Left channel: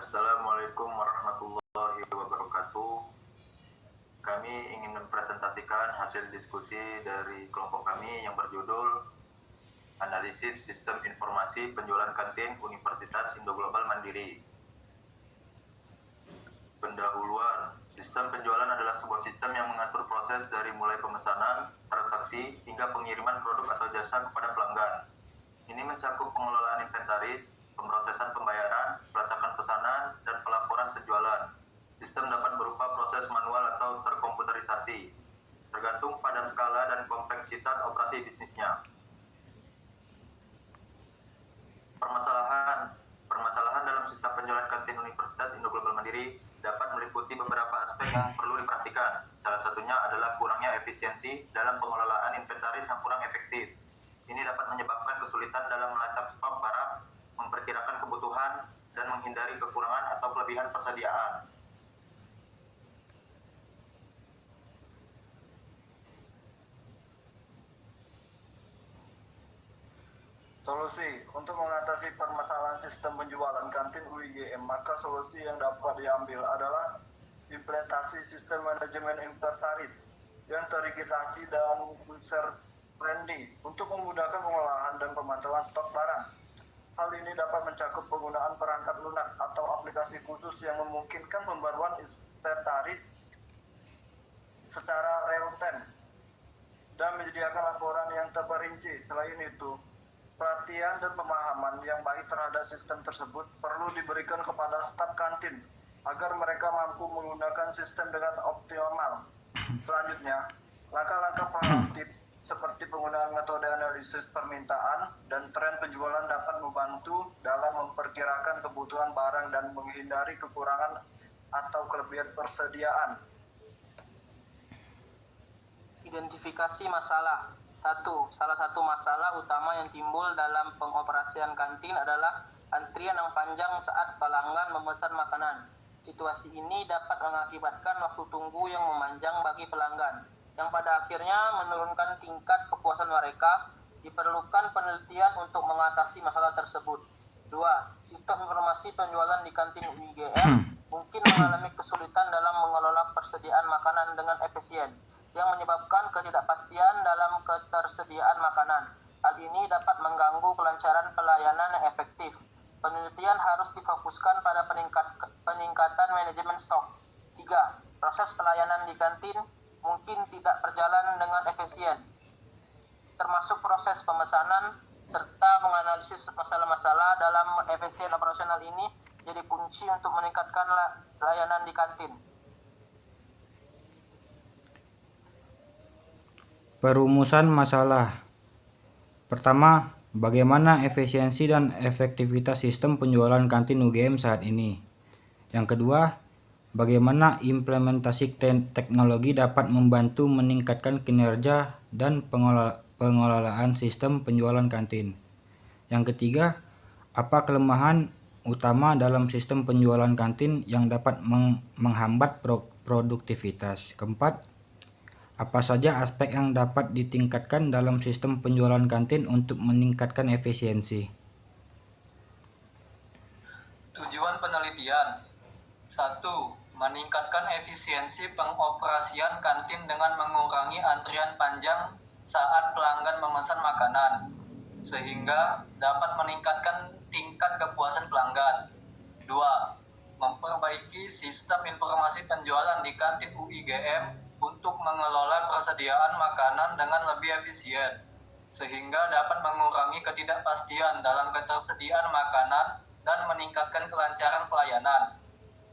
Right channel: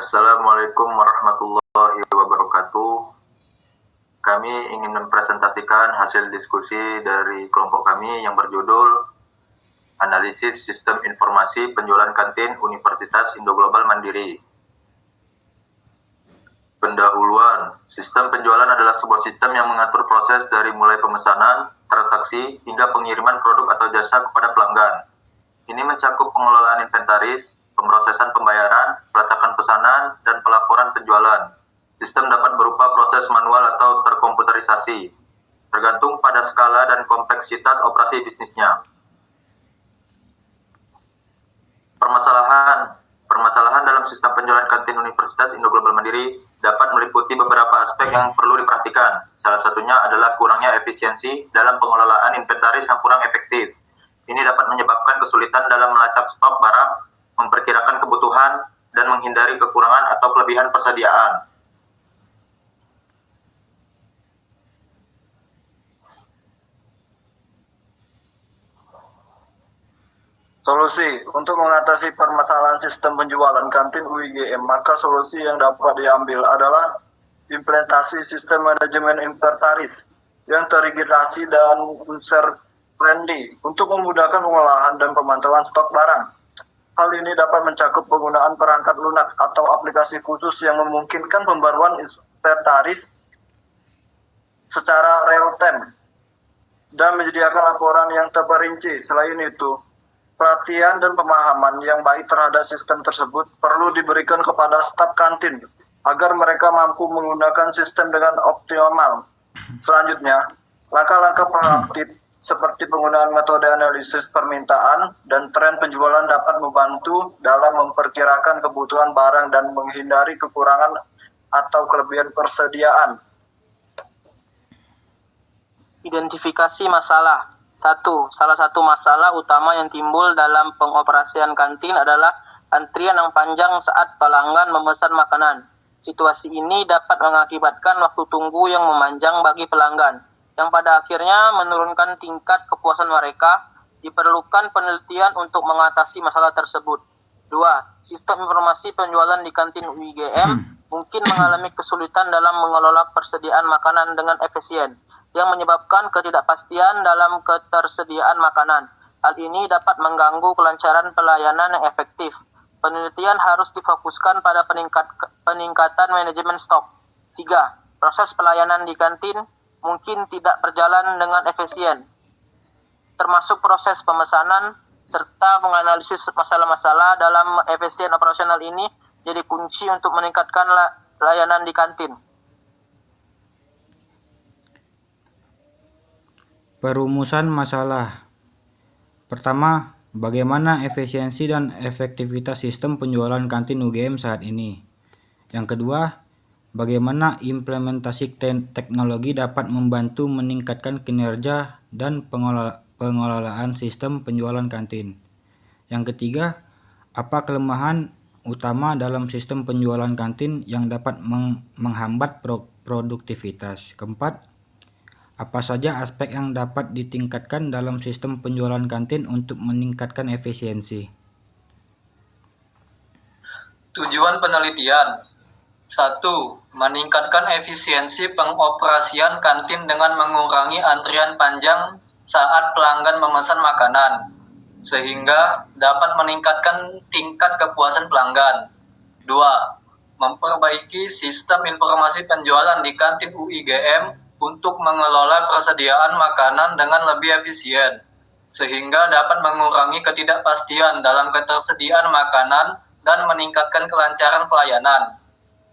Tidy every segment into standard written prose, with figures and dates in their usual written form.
Assalamualaikum warahmatullahi wabarakatuh. Kami ingin mempresentasikan hasil diskusi dari kelompok kami yang berjudul Analisis Sistem Informasi Penjualan Kantin Universitas Indo-Global Mandiri. Pendahuluan, sistem penjualan adalah sebuah sistem yang mengatur proses dari mulai pemesanan, transaksi, hingga pengiriman produk atau jasa kepada pelanggan. Ini mencakup pengelolaan inventaris, pemrosesan pembayaran, pelacakan pesanan, dan pelaporan penjualan. Sistem dapat berupa proses manual atau terkomputerisasi, tergantung pada skala dan kompleksitas operasi bisnisnya. Permasalahan dalam sistem penjualan kantin Universitas Indo-Global Mandiri dapat meliputi beberapa aspek yang perlu diperhatikan. Salah satunya adalah kurangnya efisiensi dalam pengelolaan inventaris yang kurang efektif. Ini dapat menyebabkan kesulitan dalam melacak stok barang, memperkirakan kebutuhan, dan menghindari kekurangan atau kelebihan persediaan. Solusi untuk mengatasi permasalahan sistem penjualan kantin UIGM, maka solusi yang dapat diambil adalah implementasi sistem manajemen inventaris yang terintegrasi dan user friendly untuk memudahkan pengolahan dan pemantauan stok barang. Hal ini dapat mencakup penggunaan perangkat lunak atau aplikasi khusus yang memungkinkan pembaruan inventaris secara real time dan menyediakan laporan yang terperinci. Selain itu, perhatian dan pemahaman yang baik terhadap sistem tersebut perlu diberikan kepada staf kantin agar mereka mampu menggunakan sistem dengan optimal. Selanjutnya, langkah-langkah proaktif seperti penggunaan metode analisis permintaan dan tren penjualan dapat membantu dalam memperkirakan kebutuhan barang dan menghindari kekurangan atau kelebihan persediaan. Identifikasi masalah. 1. Salah satu masalah utama yang timbul dalam pengoperasian kantin adalah antrian yang panjang saat pelanggan memesan makanan. Situasi ini dapat mengakibatkan waktu tunggu yang memanjang bagi pelanggan, yang pada akhirnya menurunkan tingkat kepuasan mereka. Diperlukan penelitian untuk mengatasi masalah tersebut. 2. Sistem informasi penjualan di kantin UIGM mungkin mengalami kesulitan dalam mengelola persediaan makanan dengan efisien, yang menyebabkan ketidakpastian dalam ketersediaan makanan. Hal ini dapat mengganggu kelancaran pelayanan yang efektif. Penelitian harus difokuskan pada peningkatan manajemen stok. 3. Proses pelayanan di kantin mungkin tidak berjalan dengan efisien, termasuk proses pemesanan serta menganalisis masalah-masalah dalam efisien operasional ini jadi kunci untuk meningkatkan layanan di kantin. Perumusan masalah. Pertama, bagaimana efisiensi dan efektivitas sistem penjualan kantin UGM saat ini? Yang kedua, bagaimana implementasi teknologi dapat membantu meningkatkan kinerja dan pengelolaan sistem penjualan kantin? Yang ketiga, apa kelemahan utama dalam sistem penjualan kantin yang dapat menghambat produktivitas? Keempat, apa saja aspek yang dapat ditingkatkan dalam sistem penjualan kantin untuk meningkatkan efisiensi? Tujuan penelitian. 1. Meningkatkan efisiensi pengoperasian kantin dengan mengurangi antrian panjang saat pelanggan memesan makanan, sehingga dapat meningkatkan tingkat kepuasan pelanggan. 2. Memperbaiki sistem informasi penjualan di kantin UIGM untuk mengelola persediaan makanan dengan lebih efisien, sehingga dapat mengurangi ketidakpastian dalam ketersediaan makanan dan meningkatkan kelancaran pelayanan.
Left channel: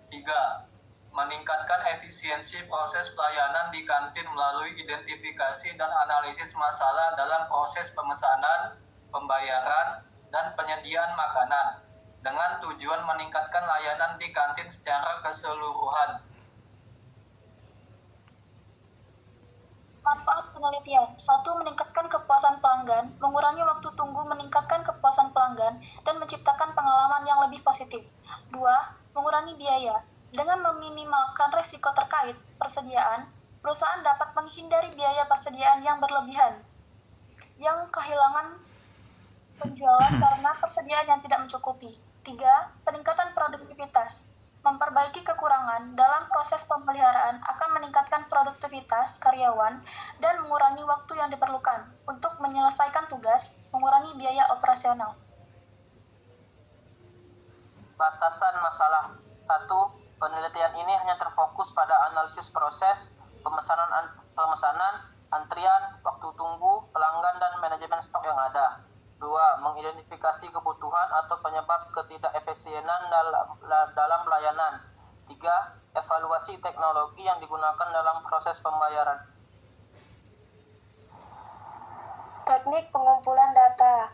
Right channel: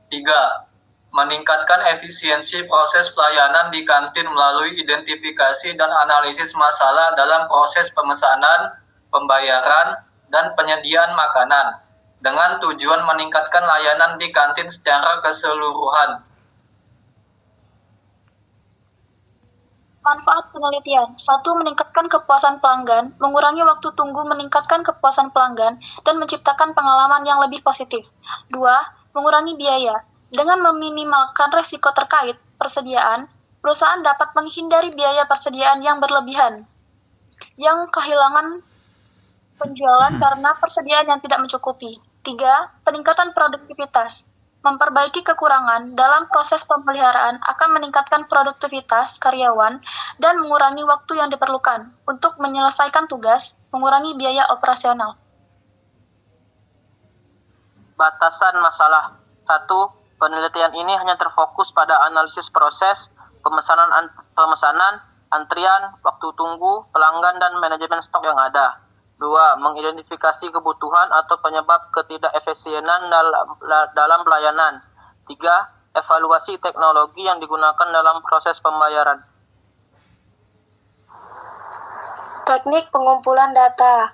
3. Meningkatkan efisiensi proses pelayanan di kantin melalui identifikasi dan analisis masalah dalam proses pemesanan, pembayaran, dan penyediaan makanan, dengan tujuan meningkatkan layanan di kantin secara keseluruhan. Manfaat penelitian. 1. Meningkatkan kepuasan pelanggan, mengurangi waktu tunggu, meningkatkan kepuasan pelanggan, dan menciptakan pengalaman yang lebih positif. 2. Mengurangi biaya. Dengan meminimalkan risiko terkait persediaan, perusahaan dapat menghindari biaya persediaan yang berlebihan, yang kehilangan penjualan karena persediaan yang tidak mencukupi. 3. Peningkatan produktivitas. Memperbaiki kekurangan dalam proses pemeliharaan akan meningkatkan produktivitas karyawan dan mengurangi waktu yang diperlukan untuk menyelesaikan tugas, mengurangi biaya operasional. Batasan masalah. 1. Penelitian ini hanya terfokus pada analisis proses, pemesanan, antrian, waktu tunggu, pelanggan, dan manajemen stok yang ada. 2. Mengidentifikasi kebutuhan atau penyebab ketidakefisienan dalam pelayanan. 3. Evaluasi teknologi yang digunakan dalam proses pembayaran. Teknik pengumpulan data.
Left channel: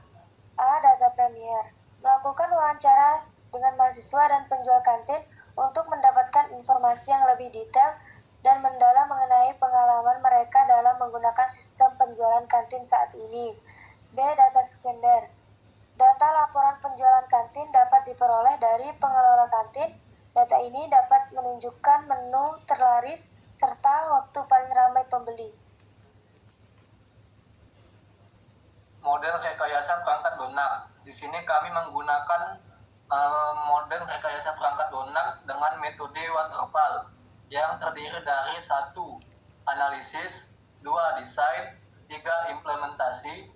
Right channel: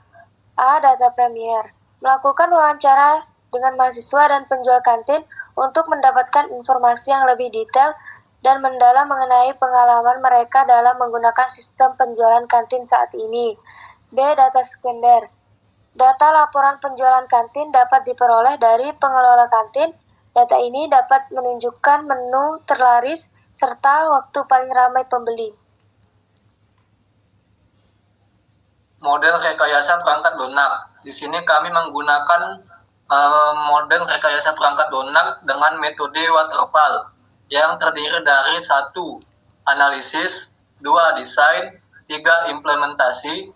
A. Data Premier. Melakukan wawancara dengan mahasiswa dan penjual kantin untuk mendapatkan informasi yang lebih detail dan mendalam mengenai pengalaman mereka dalam menggunakan sistem penjualan kantin saat ini. B. Data sekunder. Data laporan penjualan kantin dapat diperoleh dari pengelola kantin. Data ini dapat menunjukkan menu terlaris serta waktu paling ramai pembeli. Model rekayasa perangkat lunak. Di sini kami menggunakan model rekayasa perangkat lunak dengan metode waterfall yang terdiri dari 1. Analisis, 2. Desain, 3. Implementasi,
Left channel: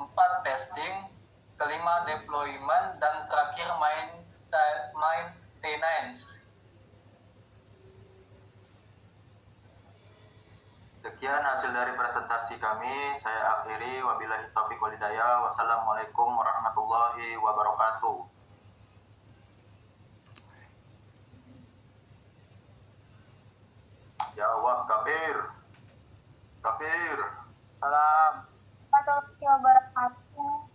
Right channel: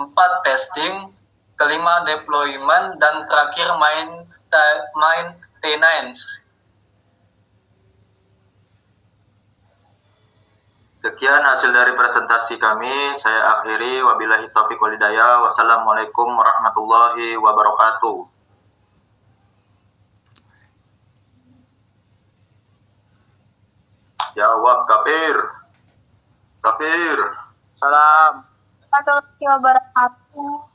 4. Testing, 5. Deployment, dan terakhir maintenance. Sekian hasil dari presentasi kami. Saya akhiri. Wabillahi taufiq wal hidayah. Wassalamualaikum warahmatullahi wabarakatuh. Jawab kafir. Kafir. Salam. Warahmatullahi wabarakatuh.